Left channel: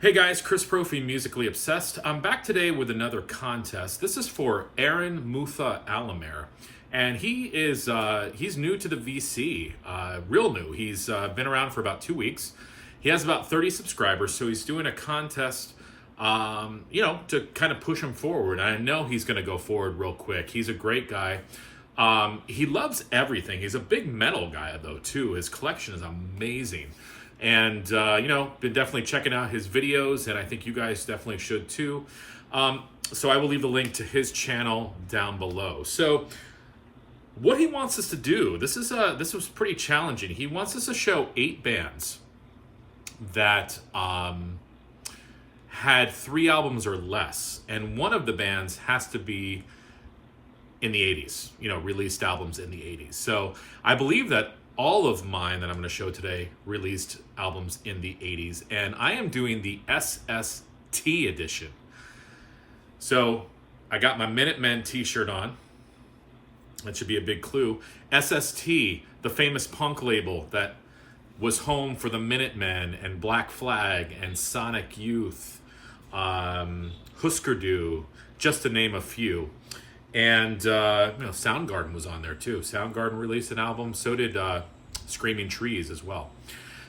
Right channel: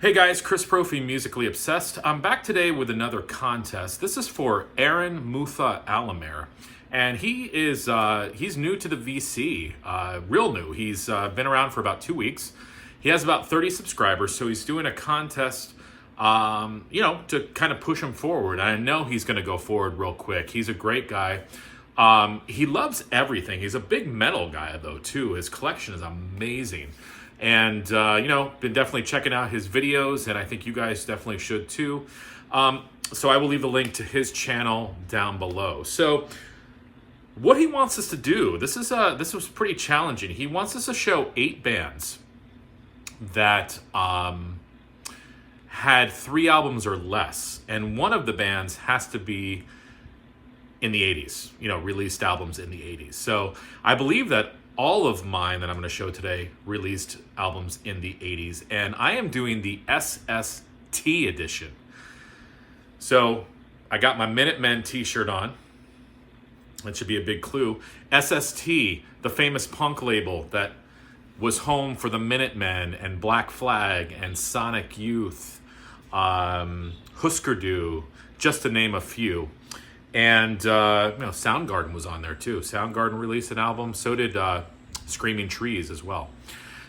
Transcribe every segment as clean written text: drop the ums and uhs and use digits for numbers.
Hey guys, Chris Profi, Musically Obsessed. I'm back today with another contest. This is for Aaron Mutha Alamare. And he's new to the VC, real new. He's been around for about 2 weeks. He has about 30 subscribers, so he's doing a contest, to kind of push him forward. I know he's going to go forward real quick. He's a great guy. He loves everything. He's a big metal guy, though, too. His collection is amazing. And, been definitely checking out his videos, and I think you guys definitely should too. So I will leave the link to his channel down below. So what he wants us to do, this was pretty challenging. He wants us to show 8 bands that had 3 albums or less. And one of the bands has to be in the 80s, released albums in the 80s. So I believe that all of mine that I'm going to show today released albums in the 80s, and I am doing the SST edition. So I got my Minutemen t-shirt on. That should be a big clue. SST, the famous punk label that was home for the Minutemen and Black Flag and Sonic Youth, Husker Du, just to name a few. And Soundgarden was on there too. Soundgarden released an album. So did Screaming Trees as well.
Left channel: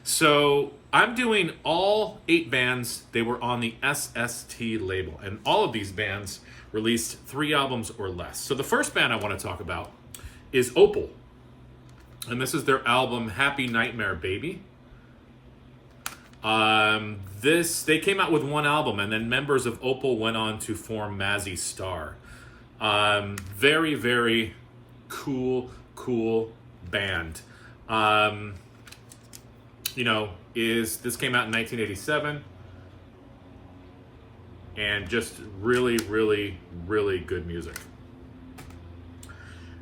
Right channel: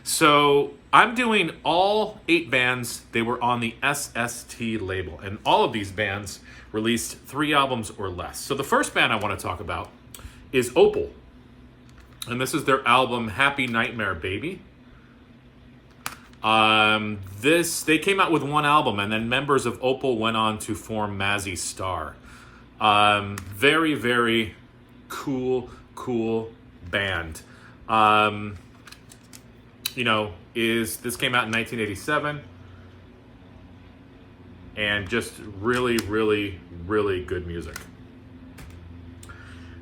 So I'm doing all 8 bands. They were on the SST label. And all of these bands released 3 albums or less. So the first band I want to talk about is Opal. And this is their album, Happy Nightmare Baby. They came out with 1 album, and then members of Opal went on to form Mazzy Star. Very, very cool band. This came out in 1987, and just really, really, really good music.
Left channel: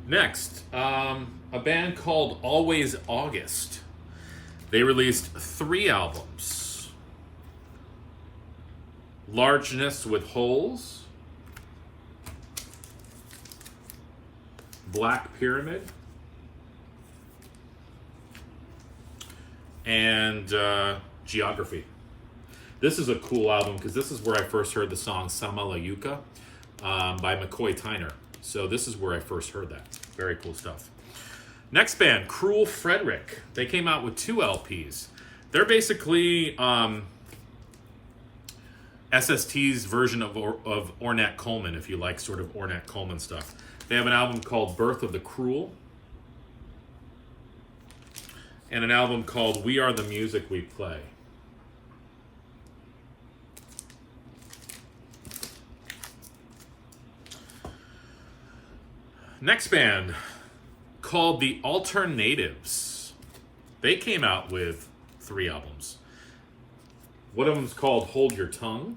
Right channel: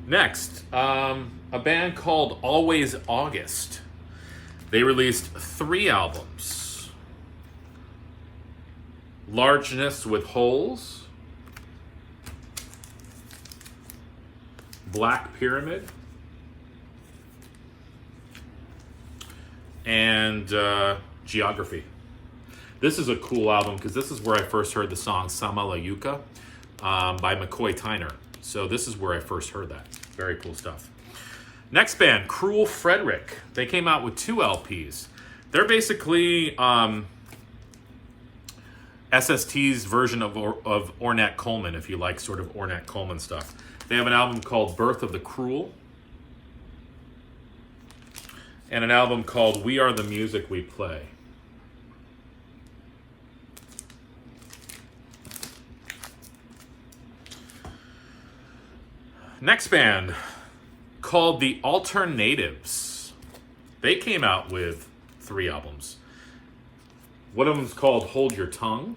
Next, a band called Always August. They released 3 albums. Largeness with Holes, Black Pyramid, and Geography. This is a cool album because this is where I first heard the song Sama La Yuka by McCoy Tyner. So this is where I first heard that. Very cool stuff. Next band, Cruel Frederick. They came out with 2 LPs. They're basically SST's version of Ornette Coleman, if you like sort of Ornette Coleman stuff. They have an album called Birth of the Cruel, and an album called We Are the Music We Play. Next band, called The Alternatives. They came out with 3 albums. One of them is called Hold Your Tongue.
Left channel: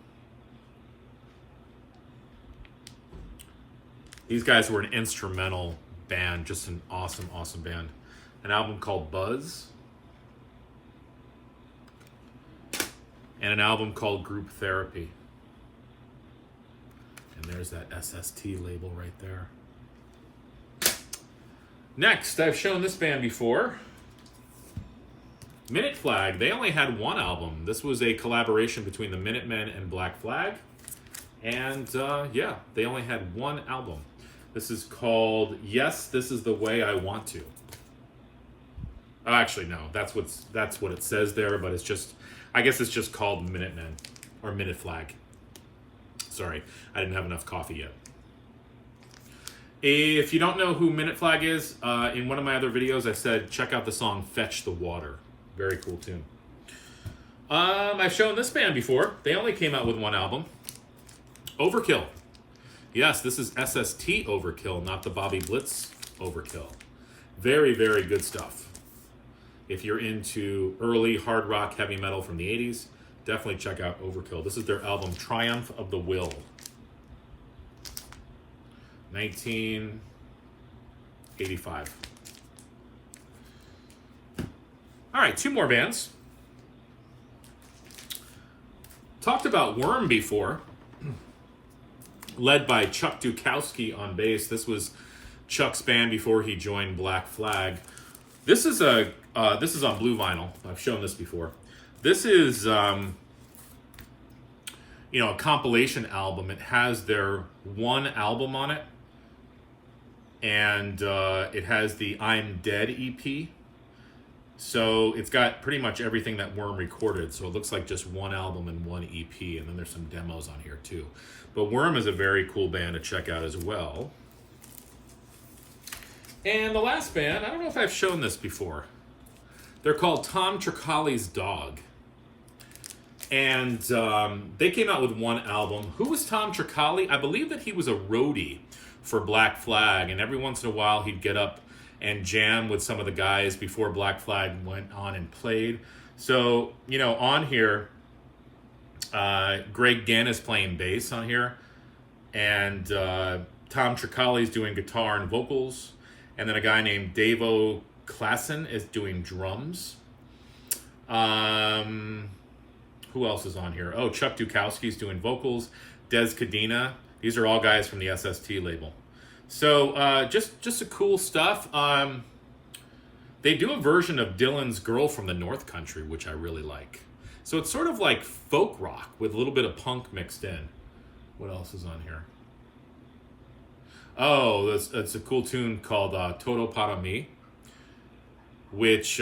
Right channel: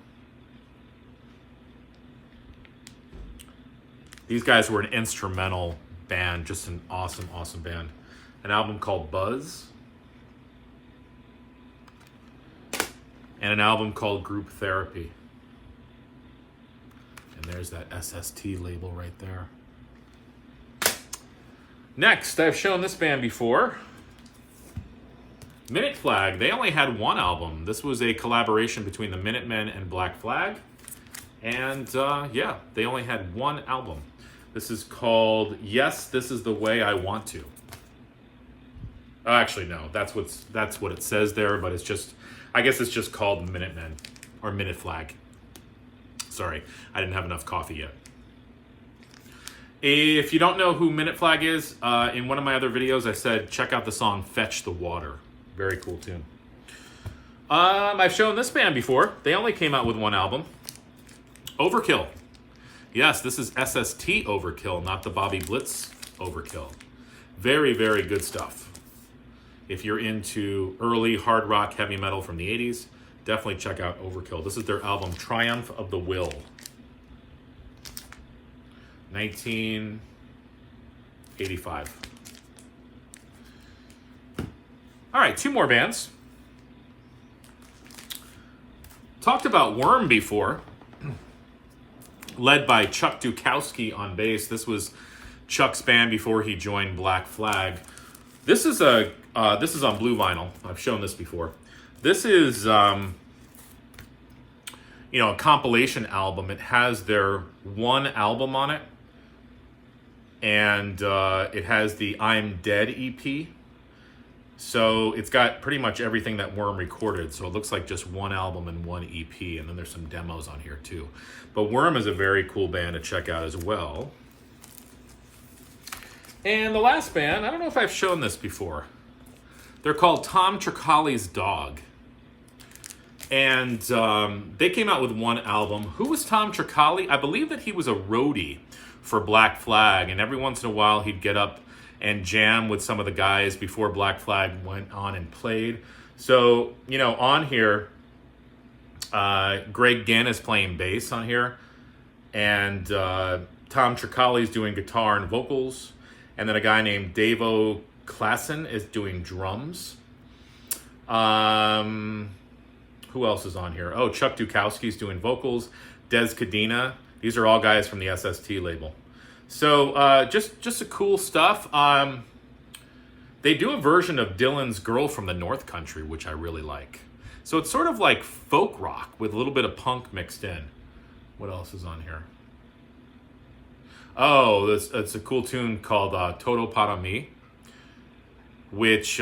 These guys were an instrumental band, just an awesome, awesome band. An album called Buzz. And an album called Group Therapy. And there's that SST label right there. Next, I've shown this band before. Minute Flag. They only had 1 album. This was a collaboration between the Minutemen and Black Flag. And they only had 1 album. This is called Yes, This Is the Way I Want to. Actually, no, that's what it says there, but I guess it's just called Minutemen or Minute Flag. Sorry, I didn't have enough coffee yet. If you don't know who Minute Flag is, in one of my other videos I said check out the song Fetch the Water. Very cool tune. I've shown this band before. They only came out with 1 album. Overkill. Yes, this is SST Overkill, not the Bobby Blitz Overkill. Very, very good stuff. If you're into early hard rock heavy metal from the 80s, definitely check out Overkill. This is their album Triumph of the Will. 1985. All right, 2 more bands. Talked about Worm before. Led by Chuck Dukowski on bass. This was Chuck's band before he joined Black Flag. This is on blue vinyl. I've shown this before. This is you know, a compilation album. It has their one album on it, and it has the I'm Dead EP. So it's got pretty much everything that Worm recorded. So it looks like just one album and one EP, and then there's some demos on here too. But Worm is a very cool band to check out as well. And the last band, I don't know if I've shown this before. They're called Tom Tricali's Dog. And they came out with one album. Who was Tom Tricali? I believe that he was a roadie for Black Flag, and every once in a while he'd get up and jam with some of the guys before Black Flag went on and played. So, you know, on here, Greg Ginn is playing bass on here, and Tom Tricali's doing guitar and vocals, and then a guy named Davo Klassen is doing drums. Who else is on here? Oh, Chuck Dukowski's doing vocals. Des Cadena. These are all guys from the SST label. So just a cool stuff. They do a version of Dylan's Girl from the North Country, which I really like. So it's sort of like folk rock with a little bit of punk mixed in. What else is on here? Oh, it's a cool tune called Todo Para Mi, which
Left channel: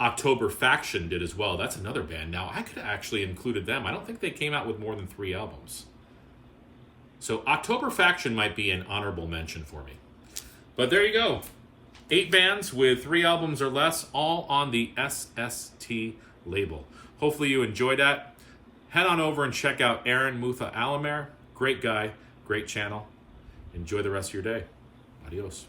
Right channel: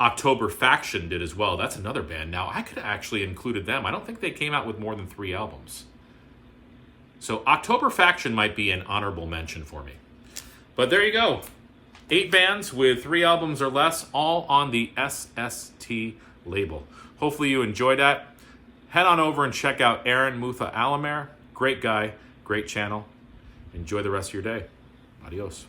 October Faction did as well. That's another band. Now, I could have actually included them. I don't think they came out with more than 3 albums. So October Faction might be an honorable mention for me. But there you go. 8 bands with 3 albums or less, all on the SST label. Hopefully you enjoyed that. Head on over and check out Aaron Mutha Alamare. Great guy, great channel. Enjoy the rest of your day. Adios.